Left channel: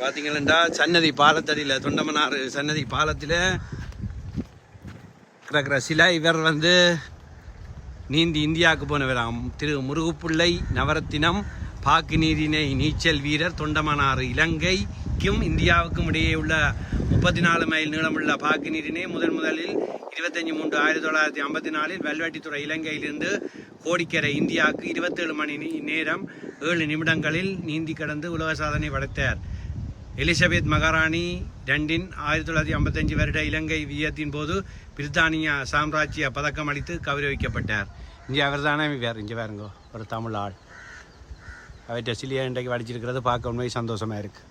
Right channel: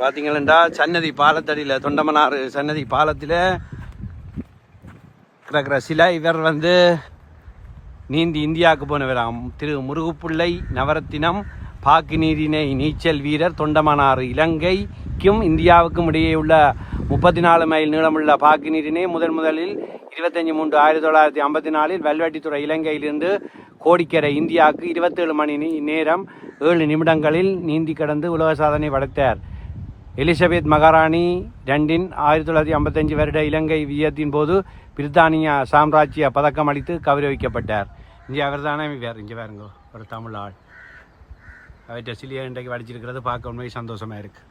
பார்த்தீங்களா சன்னதி பாலத்தடியில் தொண்டமனார் சன்னதி பாலத்தில் கிடக்கிற சில இவர் வந்து நீந்தி இந்தியாவுக்கு போனவராம். திரு முருகுப்பிள்ளை நவரத்தினம் பாக்கு நீரிணை நீச்சல் வீரர் தொண்டமனாறு இலங்கைக்கும் இந்தியாவுக்கும் இடையே உள்ள முப்பத்தி நாலு மைல் நீளமுள்ள பாக்கு நீரினை முதன் முதலில் இருபத்தஞ்சி மூன்று ஆயிரத்தி தொள்ளாயிரத்தி ஐம்பத்தி நாலில் வல்வெட்டித்துறை இலங்கையிலிருந்து கோடிக்கரை இந்தியாவுக்கு இருபத்தேழு மணி நேரம் ஏழு நிமிடங்களில் நீந்தி கடந்து உலக சாதனை படைத்தார். எலிசபெத் மகாராணி ரெண்டின் ஆயிரத்தி தொள்ளாயிரத்தி ஐம்பத்தஞ்சு வருட இலங்கை வியத்தின் போது பிரித்தானிய சாம்ராஜ்ய பதக்கம் அளித்து கௌரவிக்கப்பட்டார். இங்கே அவர் தானே வேறு இங்கே வேறுங்கோ ஒரு தமிழ் ஆள். அவற்றை சிலியா இன்றைக்கு வடிச்சிருக்கிறது பார்க்க உண்மை சந்தோஷமாக இருக்குது